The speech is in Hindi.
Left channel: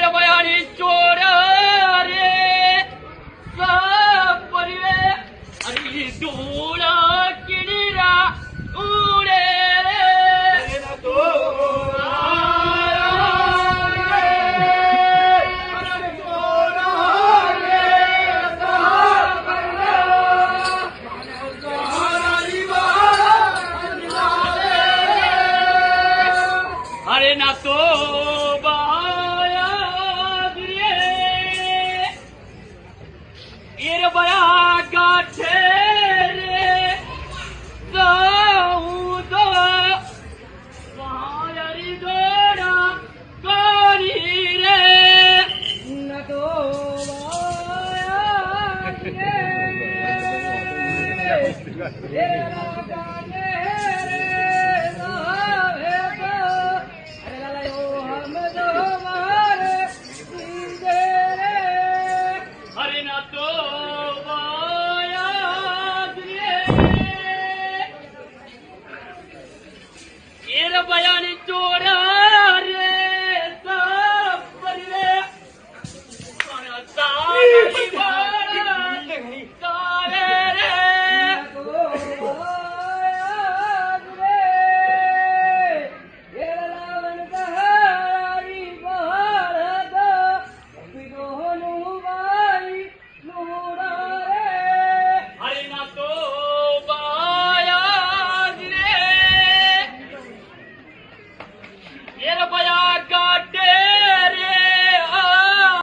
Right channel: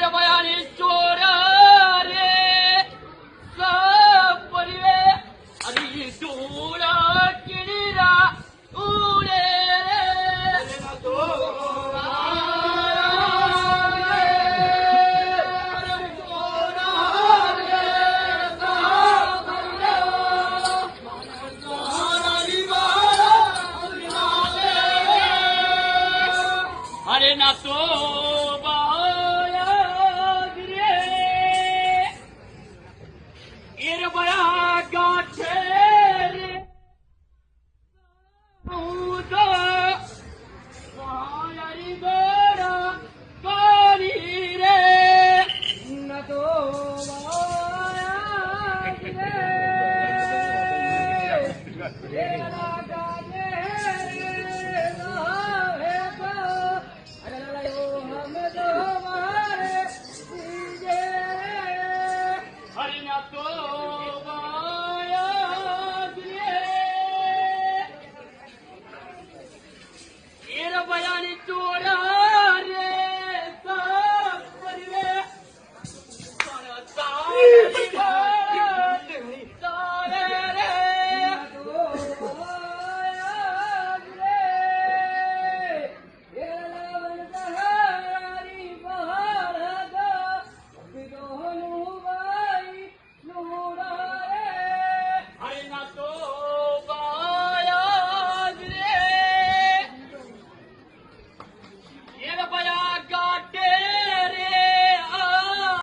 एर बयानी चोर रे सब परिवे अरे डोला किनीरा उड़े रे ना तो अरे ना तो बाया गिरे एर बया गाठे रे साहू दवा बायारी दोड़ा गानी रे ना तो बाया गिरे